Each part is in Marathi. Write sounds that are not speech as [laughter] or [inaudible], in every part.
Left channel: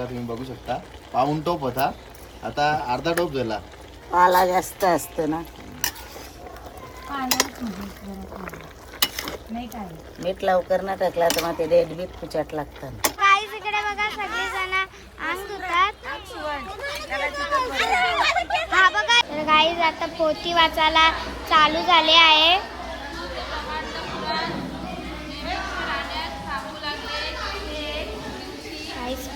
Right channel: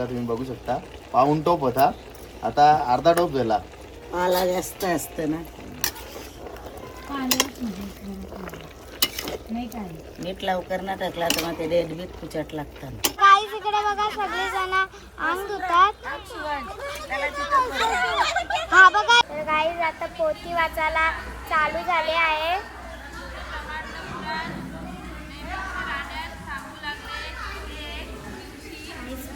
बघा तुम्ही बघू शकता. पाऊन टोप होता. आता अर्धा टोप झाला पाला जास्त असतं ना. मीठ लवकर ना टाकला तर मग ते डेट बीट कुचट लागतं. गाईज इकडे बघा सगळे जण अंग धुतात हा बघा. गाईज आता पोथी वाचायला चालू झाले आहे.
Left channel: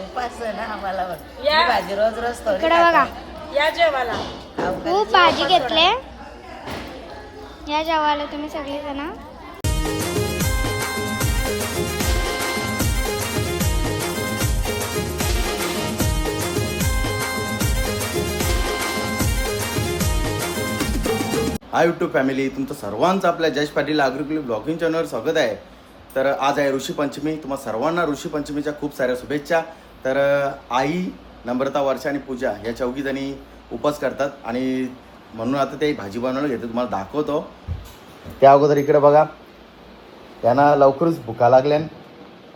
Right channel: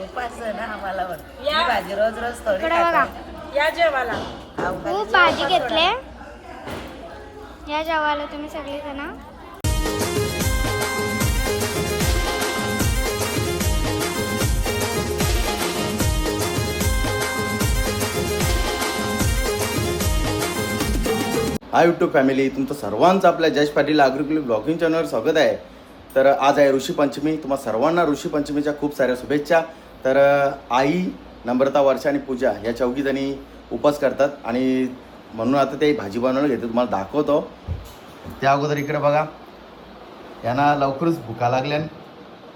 उपास आहे ना आम्हाला बघ. ही भाजी रोज रोज थोडी इकडं बघा. या जेवायला खूप भाजी घेतले. या जेवायला तुम्ही सगळे जण हाय युट्यूब फॅमिली तुमचं सर्वांचं आपल्या जयश पाटील अग्रिकुल ब्लॉगिंग चॅनलवर स्वागत आहे. तर आज आहे ऋषीपंचमी तुम्हा सर्वांना ऋषीपंचमीच्या खूप साऱ्या शुभेच्छा. तर आई नम्रता वर्षा आणि पूजा या चौघी जणी उपास करतात आणि म्हणून आता ते भाजी बनवलं घेते तुम्हाला दाखवतो. त्या अगोदर इकडे बघा. यांना लवकरच भुका लागल्यान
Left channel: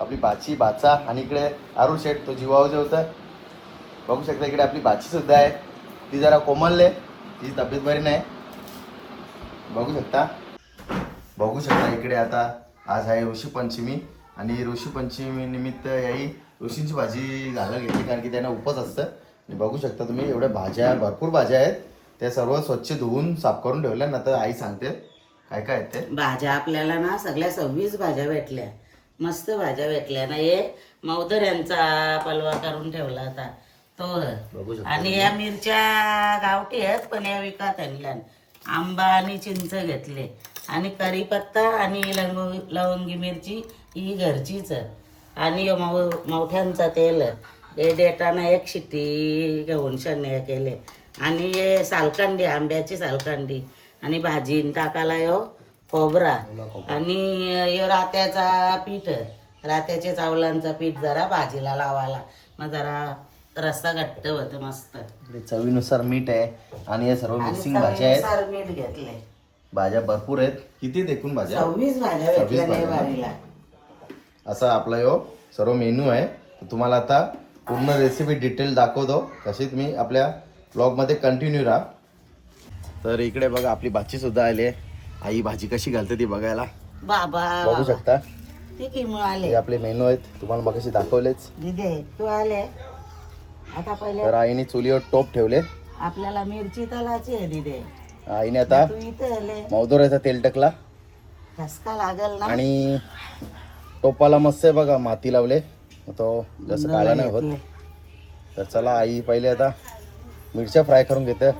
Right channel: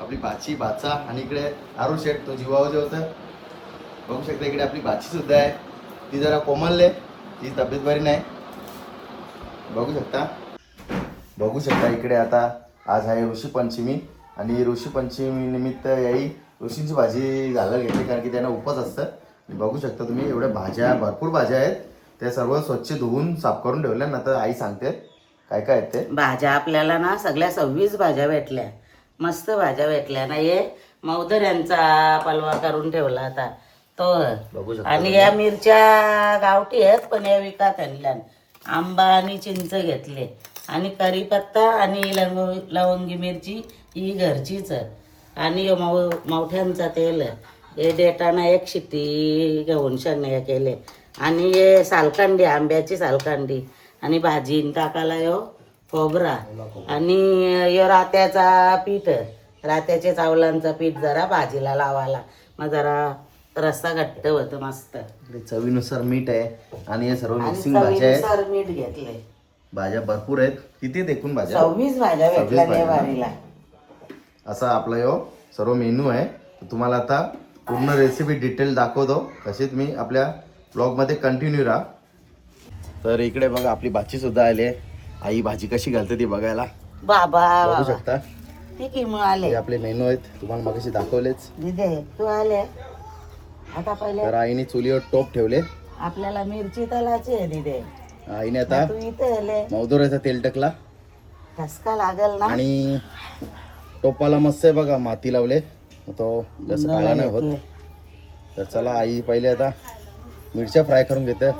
आपली बाची बाचा आणि इकडे आरू शेठ तो जीवावर होता. बघू शकता इकडे आपली बाची सुद्धा आहे. ती जरा कोमलले ती तब्येत बरी नाही. बघू शकता. बघू शकता इकडे आता आज आहे ऋषीपंचमी आणि ऋषीपंचमी निमित्त याही ऋषींची भाजी घालायला घेतली कारण की त्यांना उपवास असतं. बघू शकता तुम्ही एवढ्या भाज्या भरपूर भाज्या आहेत. त्या सर्व स्वच्छ धुवून साफ करून ठेवल्या ना तर आई सांगते काय काय आहेत ते? भाज्या आपल्याला ना सगळ्या सव्वीस भाज्या भेटल्या. मस्त भाज्या भेटल्या ना हे मौदर यांचा पलवा करून ठेवला आता तो. बघू शकता आणि या मिरच्या गावठी आहेत पण या विकत आणल्या आंबा आणि चिंच घेतले. आणि करीपत्ता आणि लवंग लवंगी मिरची ही घरचीच आहे. आणि मौ मोठ्यांचा तेल हे देताना एक शिट्टी घेऊन शने केले. आणि हे सालकांडी आंब्याची सालकांडी आणि भाजीन टाकायला यो खोबरा. आणि यो रात्याचा पीठ रात्याच्या चावलांचा पीठ जरा भाजीला लावायला. मग जरा रस्सा घट्ट होतं मस्त. चवीनुसार मीठ आहे आणि या सर्व मिक्सिंग भाज्या आहेत. मीठ घेतले भाज्या भरपूर आहेत. किती एकूण भाज्या? सव्वीस भाज्या भेटल्या. भाजीला असा आपला यो सर्व मेनू आहे. तुम्हाला आता पूर्ण रेसिपी डिटेल दाखवतो. तशीच मी आपल्या ब्लॉगमध्ये कंटिन्यू राहा. तर इकडे बघा आपली भाची सुद्धा आली आहे. आई भाजी कशी घालते ती बघायला. बाबा. बघू. शकता. मग आले? आपले मेनू आहेत. तुम्हाला दाखवलेच. तू आले? आता पहिले तर आईने चुलीवर टोप ठेवले. आपल्याला मिरची तलाची आहे दिदे. आईने आता मौदोऱ्याचा तेल टाकला. ठसका लागल ना. आणि टोपाला मस्त आहे बघा माती लावले. तो जसं काळा नाही होत. तर चला आई पहिले आता मिरच्या फ्राय करून घेते.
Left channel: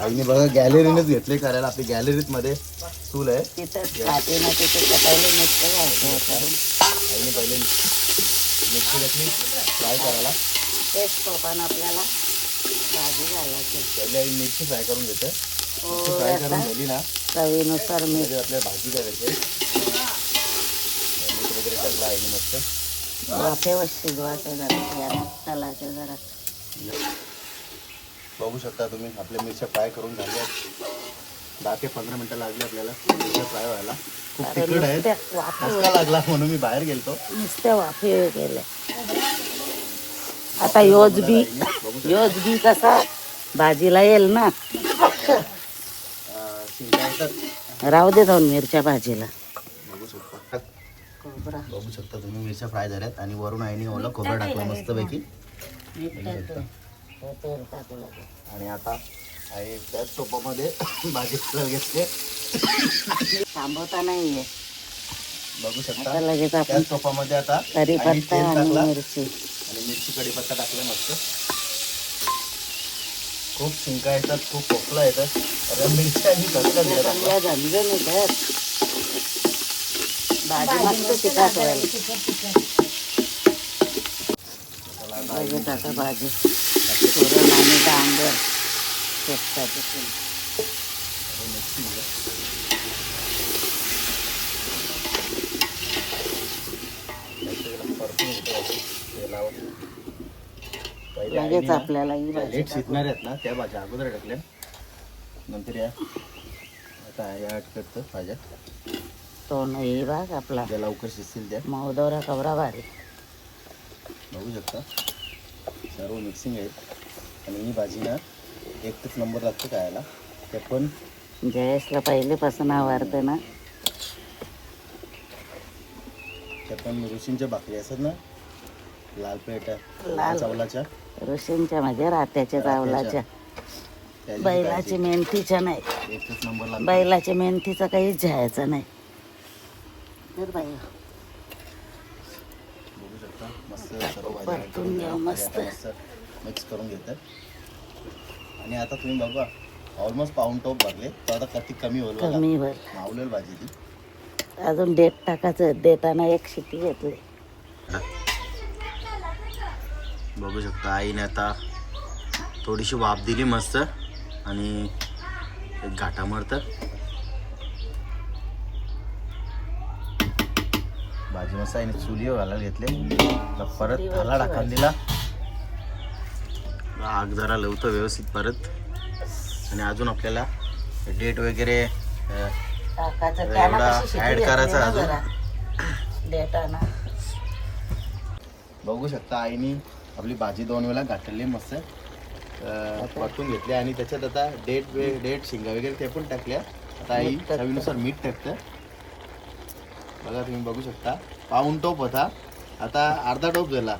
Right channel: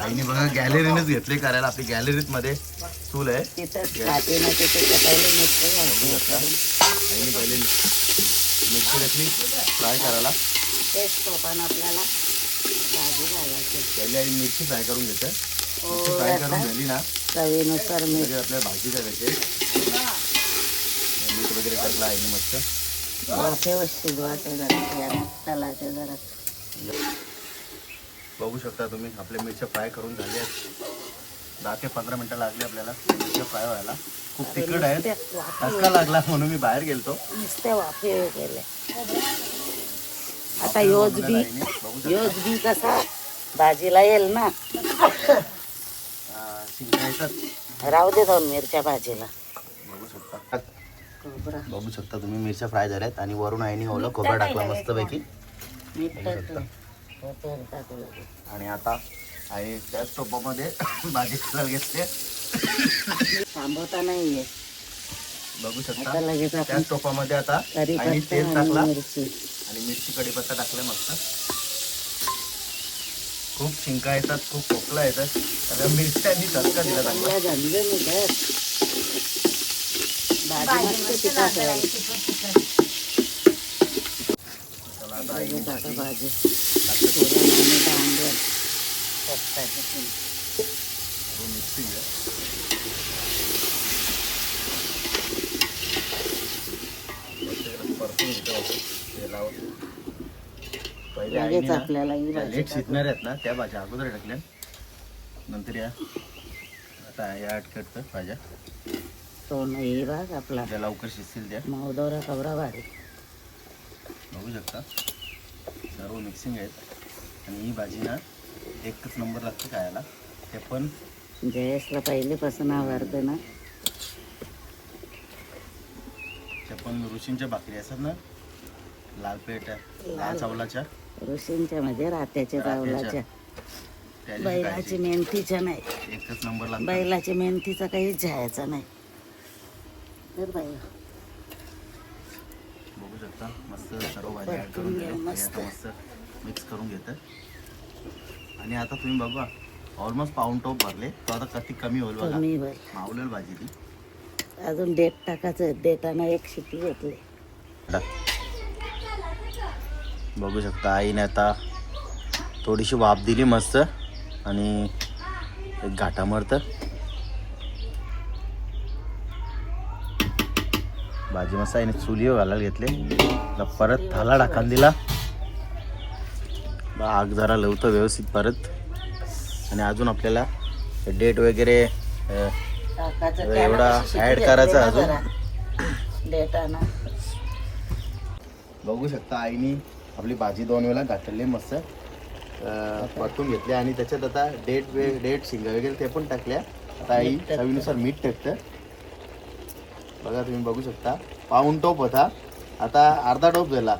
आईने बघा गॅलरीनेच घेतले करायला आपली गॅलरीत मध्ये चूल आहे. आईने पहिले मिरची घेतली फ्राय करायला. आपल्याला पहिले आई मिरची फ्राय करून घेते. हो फ्राय करून झाली ना चवीनुसार मीठ म्हणजे आपल्या भाजी करायची टाकलं आईने मस्त? जरा तलाचे जरा. बघू शकता तुम्ही आपल्या मिरच्या फ्राय करून झाल्या दहा ते पंधरा मिनिटं लागली आपल्याला मिरच्या फ्राय व्हायला. खूप तिखट वाफे ठसका लागला म्हणून मी बाहेर गेलतो. नुसते वाफे गेले आता योज बी योज बी कसा? भाजीला येईल ना. राहू दे दोन मिरच्या भाजीला. बघू शकता. बघू शकता तुम्ही मिरच्या फ्राय झाल्यात आणि वरून आईने ओलं खोबरं टाकलं मस्तपैकी. हो. आणि आता आई त्याच टोपामध्ये [coughs] भाजी घेतले. थांबवता नाहीये. बघू शकता. लगेच त्याच टोपामध्ये आता तेल टाकला. मिरची. आणि मिरची कढीपत्ता टाकला मस्त. खूप शिंका येतात खूप खोकला येतात. मिरच्या आणि तडका दिला चांगला. चांगल्या झणझणीत आहेत. भाजी मस्त तिखट आता लगेच आपल्याला ही भाजी लेट शिजणार आहेत ना त्या भाज्या अगोदर टाकल्या. नंतर या. आता या अटकटचं भाज्या. तो नाही भाग आपला. ज्या लवकर शिजतील त्या. मौदोरा कबरा भारी. बघू शकता. सर्व मिक्सिंग आहे. आणि ही भाजी ना एकच नंबर लागतो खायला. ते पण जयेशला पहिलेपासून आवडतं ना. ते पण ऋषींच्या बाकी असतात ना. लाल प्लेट लाल. चावलाच्या. ऋषींच्या मध्ये रात्याच्या चावलाच्या. बैलाची मेंथीच्या नाही. एकच नंबर लागतो. बैलाच्या मेंथीचा काहीच जायचं नाही. तर बाई. बघू शकता. मस्त सर्व भाज्या add परतून करून घ्या, दिल्या. मस्त. आणि आता मस्त मिक्स करून घेतात. आणि आता तुम्ही बघा ऑलमोस्ट पाऊन टॉप भरले. तो आता किती कमी होईल बघा. कमी भर मावलेल भाजी ती. अजून डेट टाकायचं. देताना एक शिटी घेतली. बघू शकता आईने आता थोडीशी वाफ दिली मस्त. आणि एक घाटा मरत. भाजी मस्त आईने चुलीवर घालायला घेतले परत थाला टाकायला दिला. आग जरा लवतं व्यवस्थित परत. आणि अजून आपल्याला डेट वगैरे एवढा घेतली करायचा अजून. देताना बघू शकता आईनी आपली भाजी दोन वेळा घातली मस्त. परतून घेतली आणि त्याच्यात आता डेट वे डेट शिंगा वगैरे ते पण टाकल्या. आता आई. चवीनुसार मीठ टाकतं. बघा तुम्ही बघू शकता. पाऊन टोप होता. आता अर्धा टोप झाला.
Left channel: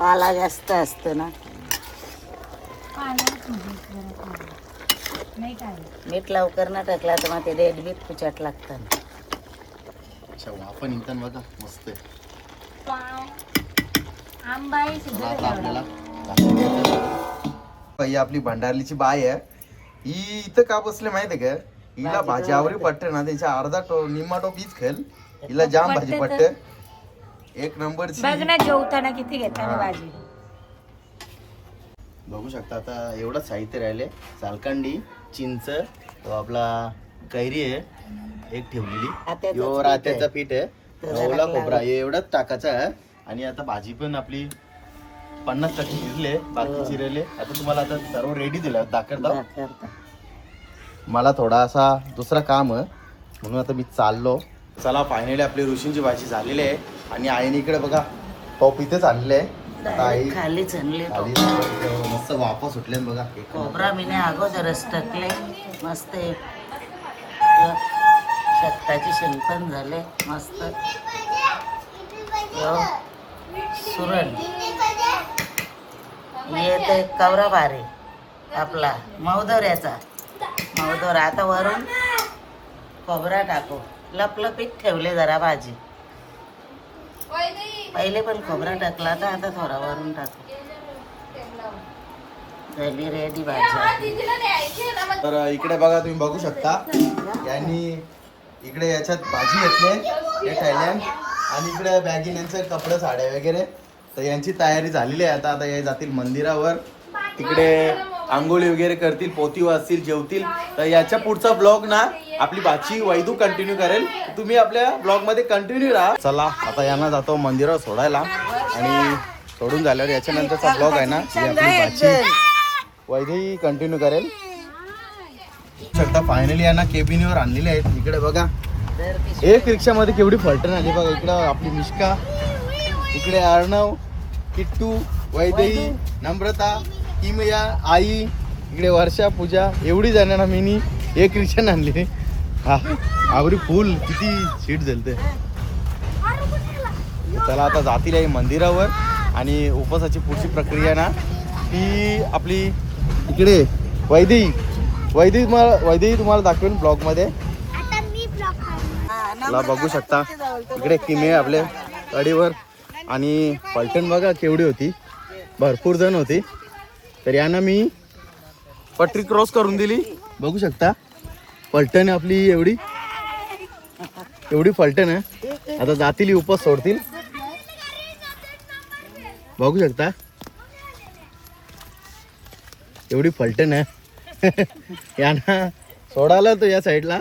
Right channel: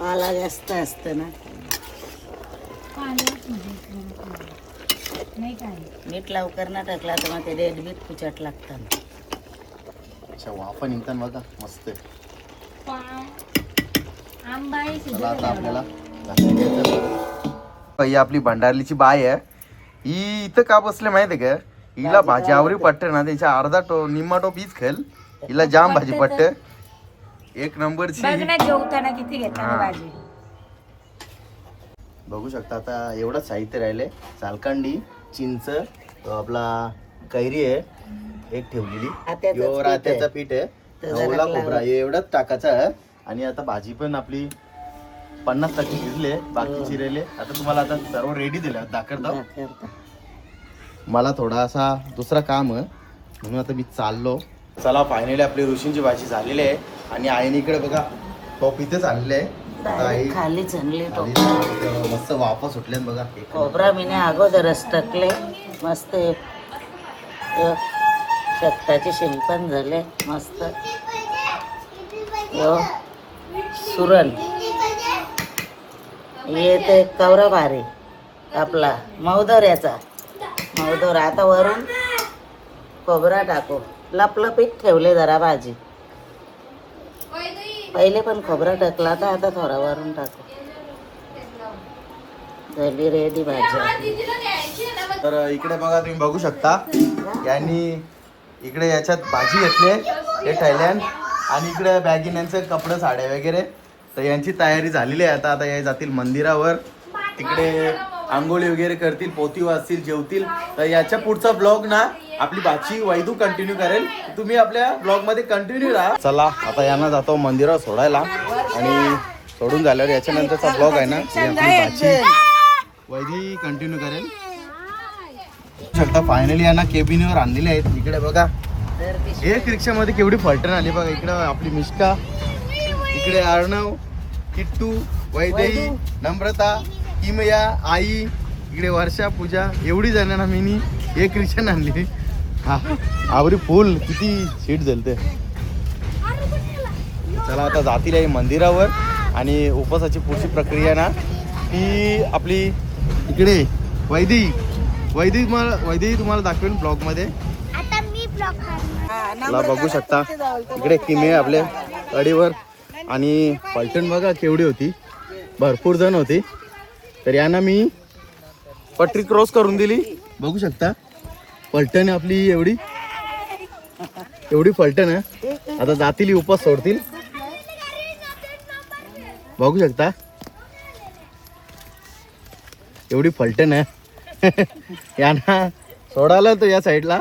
पाला जास्त असतं ना. मीठ लवकर ना टाकला तर मग ते डेट बीत कुचट लागतं. अच्छा वाफा निघतात बघा. मस्त चला आता आपल्याला ही आपली भंडारलीची बाय आहे. ही इथं का बसले माहिती का? हिला भाजी आवरी पट्ट ना त्याच्या अर्धा टो निम्मा टोप हीच खेळ हिला जाम भाजी पट्ट एक नंबरची. बघ ना जेवताना किती घेताना हा. भाजी. बघू शकता आता एवढं साहित्य राहिले. चालकांडी चिंच तो आपला कैरी आहे. एक ठेवलेली. आत्याचंच यो पीठ आहे. रात्याचं पीठ आहे. त्याला ओला खोबरा हे एवढंच टाकायचं आहे. आणि आता भाजी पण आपली पन्नास टक्के शिजले बाकी हो. चिरेले आता तुम्हाला आता सर्व रेडी दिलं दाखवता दाखवता. मला थोडासा दुसरा काम आहे. म्हणून आता मी चाललो. चला फायनली आपली ऋषींची भाजी झालेली आहे. आणि आईने इकडे बघा टॉप इथेच आणलेले आहे. आई खाली चणले खाली मस्त वापा सुटले बघा खोबरा मी अगोदरच टाकले मस्त शेताचे शेंग पण झाले मस्त. यो सुरण. हे ते कवरा भारी आपला मौदऱ्याचा मौदर आता वरून. खोबरा टाकू. लपलपीत ठेवले जरा भाजी. पहिले पण खोबरा टाकला तर आता थोडा वरून टाकू. झाली रेडी भाजी तर इकडे बघा तुम्ही बघू शकता. यांनी इकडे याच्यात भाजी घेतली हे थायलंड आणि इकडे बॅगिन यांचे कपडे साड्या वगैरे. तर यांची तयारी झालेली आहे. आता आता हे जातील मंदिरावर. तिकडे आंघोळी वगैरे करतील पोती वाचतील जेवतील. तर याच्या पुढचा ब्लॉग ना आपली भाची वैदू कंटिन्यू करेल. तुम्ही आपल्या ब्लॉगमध्ये कंटिन्यू राहा. चला आता यांना जातो मंदिरावर सोडायला. आणि सोडून झाल्यावर याच्यानंतरचा ब्लॉग आहे ना ही आपली भाची वैद्यही कंटिन्यू करेल. शकता फायनली यांना केबिनीवर आणलेले आहेत. इकडे बघा. एक रिक्षामध्ये केवढी फलटण आली बघा. इकडे आपली मिष्का. इकडे अर्णव किट्टू वैदेही नम्रता किमया आई इकडे वर्षा पूजा एवढी जणांना मी एक रिक्षा आणली. हा आवरी फुल किती सीट झालते. चला आता जातील आहे मंदिरावर आणि उपवासाची पुढची प्रक्रिया ना ती आपली इकडे वैदी वैदी तुम्हाला वैदी तुम्हाला दाखवेल ब्लॉगमध्ये मला बघू शकता. इकडे किमे आपल्या अडीवर आणि पलटण बघा केवढी होती. भरपूर जण होती. तर यानं मी पटरी क्रॉस करून दिली. बघू शकता. पलटण आहे आपली एवढी. एवढी फलटण आहे. आता जातील उपास सोडतील. बघू शकता. एवढी फलटण आहे. [laughs] याना सोडालं तो या साईडला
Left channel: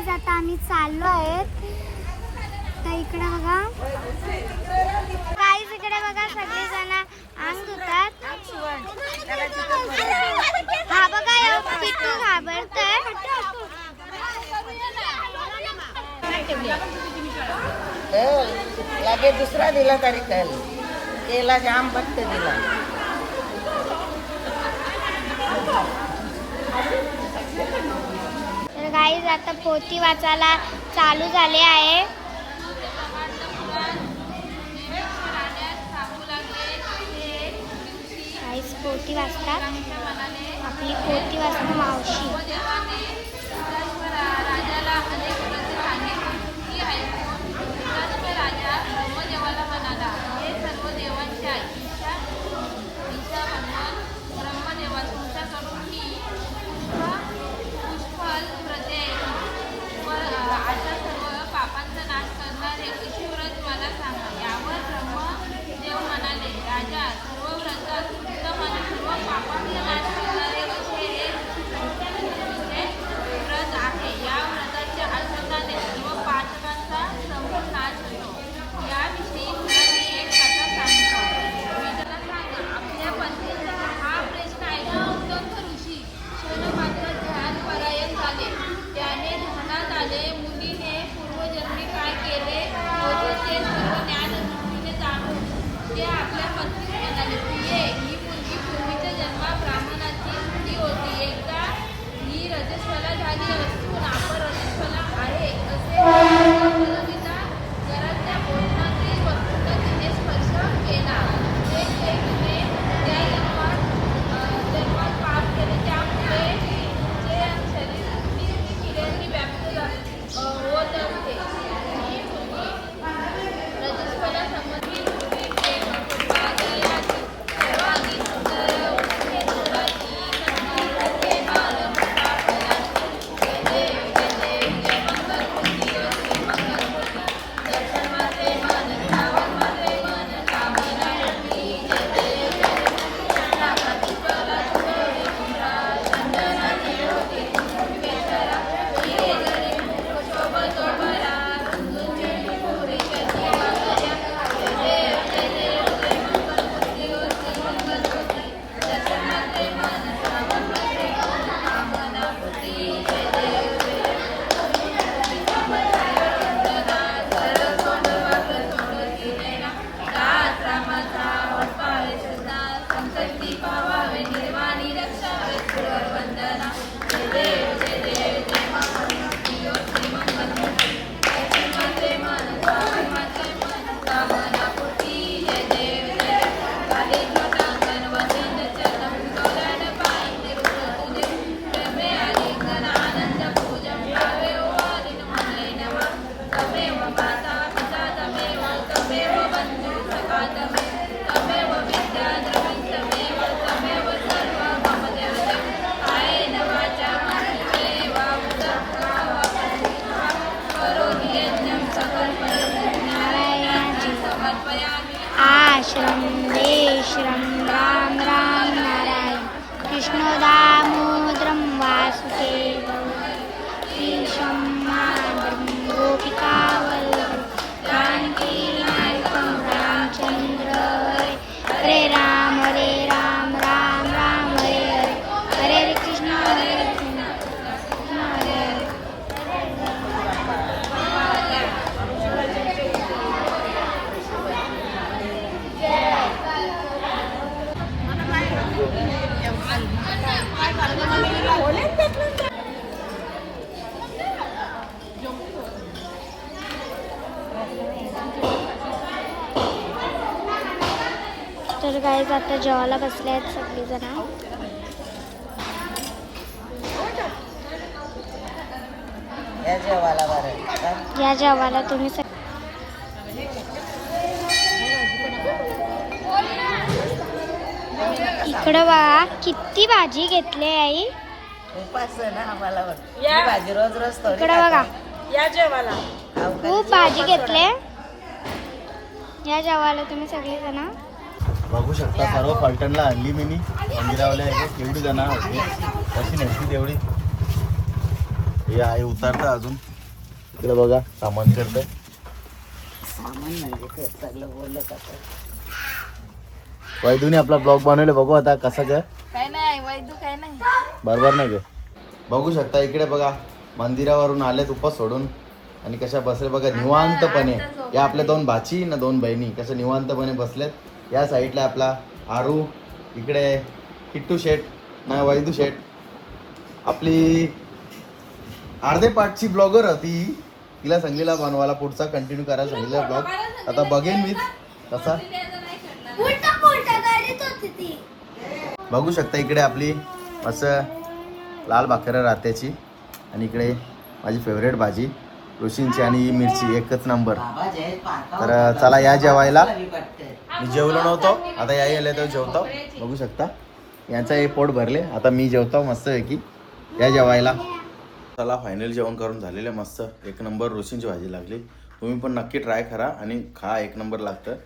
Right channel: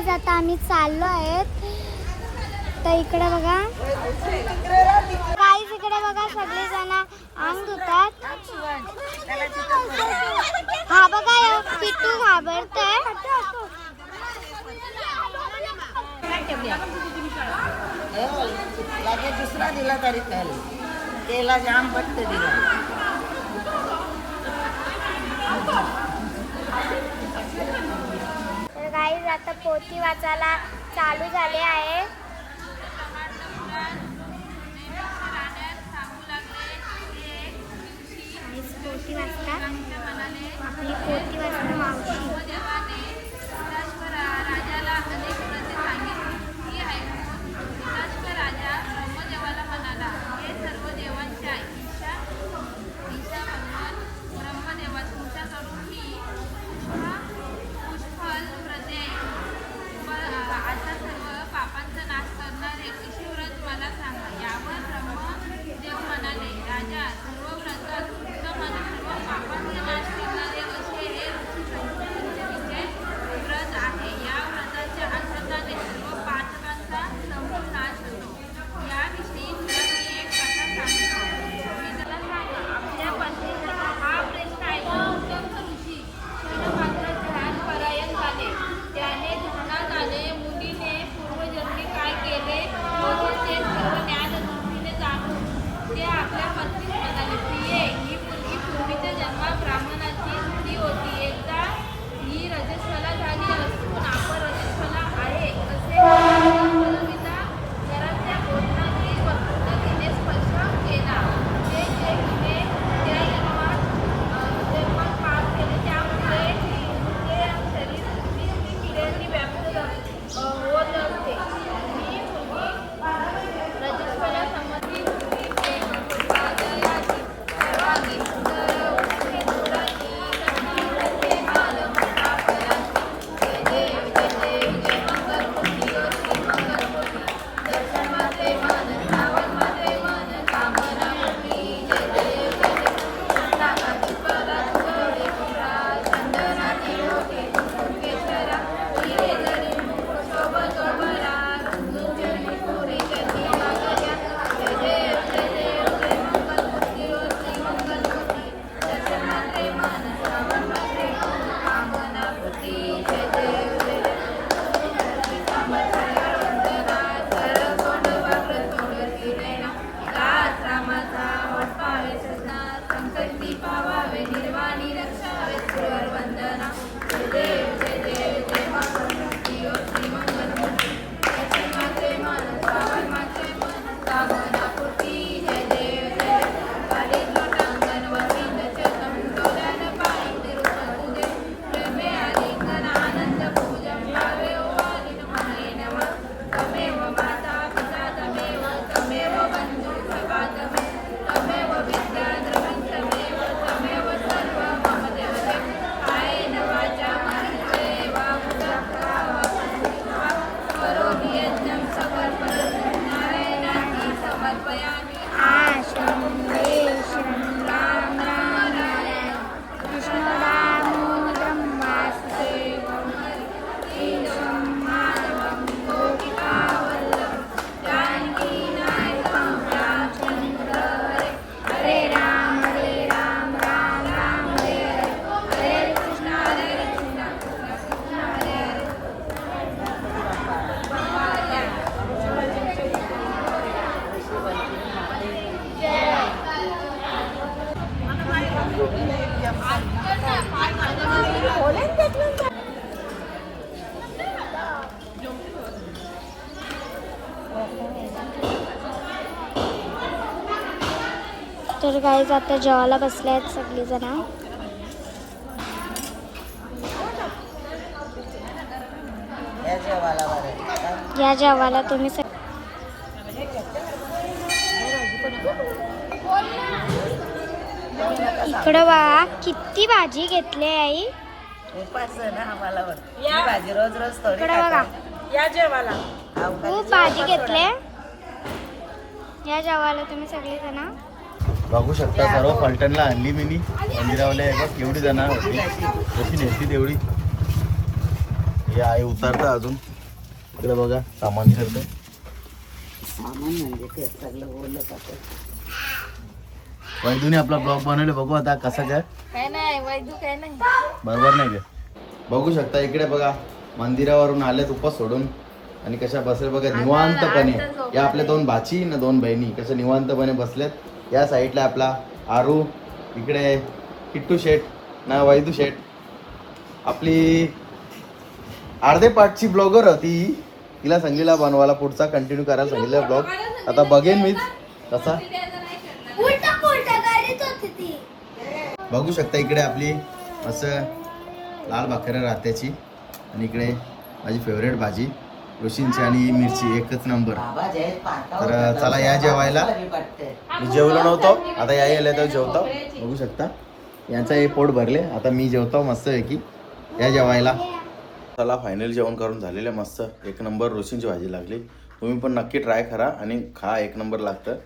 गाईज आता आम्ही चाललो आहेत. तर इकडे बघा. काहीच इकडे बघा सगळे जण आंग धुतात. हा बघा पिट्टू घाबरत हो, लगेच दुसरा दिला तरी त्याला केला जाम फक्त दिला. गाईज आता पोती वाचायला चालू झाले आहे. गाईज वाचतात. आपली पोथी वाचणं मावशी. राजाला अनेक राजा ब्रह्मदेवाला म्हणाला हे सर्व देवांच्या ब्रह्मदेवा तुमच्याकडून ही व्रते आहेत व सर्व पापांचा नाश करणारे असे व्रत मला सांगा. यावर ब्रह्मदेव म्हणाले राजा सर्व व्रत उत्तम आणि सर्व पापांचा नाश केले होते ते सर्व ज्ञानदृष्टीने जाणून ते आपल्या पत्नीस म्हणाले प्रिये ही मुलगी पूर्वीच्या जन्मा ब्राह्मणाची स्त्री होती. एकदा ही रजस्वला झाली असती तर गाईज आता जेवायला बसले आहेत सगळीजण. या जेवायला तुम्ही सग इकडं बघा किती भाजी घेतली आई? उपास आहे ना आम्हाला पण. ही भाजी रोज रोज थोडी इकडं बघा. या जेवायला खूप भाजी घेतले. या जेवायला तुम्ही सगळे जण बघू शकता सर्व फलटणला आणली मी मंदिरावल्या केवढी जण होती. कशी नेसती तेवढी. हे आहे उतारतं अजून. इकडे बघा सामान करतं. सामान म्हणजे ते सगळं बोललं जातं. वैदूने आपला ब्लॉग बनवले बघू आता कसं काय. काय नाही वैदू काय नाही. बरोबर नाही का बघू शकता इकडे बघा मंदिरावरून आलेत उपास सोडून. आणि कशा बसले बघा निवांतपणे. या आपल्या दोन भाची ना दोन बहिणी कशा निवांतपणे बसल्यात या साईडला आपला आरू इकडे किट्टू शेठ ना वैदू शेठ. आपली अर्धे पाठची ब्लॉगर होती. तिला सांगलीला बनवायला पुढचा कंटिन्यू करायला सांगितलं ब्लॉग आता बघेन मी. तसा. बघू शकता इकडे आपली असं लाल भाकरं रात्याची. आणि इकडे माझी फेवरेट भाजी रोशींची आणि मिरची एकच नंबर तर चला या जेवायला. मी जेवलो नव्हतो. आता या यायला तर जेवतो. बघू शकता. यांचा हे पोट भरले. आता मी जेवतो मस्त आहे की या जेवायला. चला फायनल जेवण करून झालेलं मस्त. एक नंबर रोशींची भाजी लागली. तुम्ही पण नक्की ट्राय करा आणि खा एक नंबर लागतं.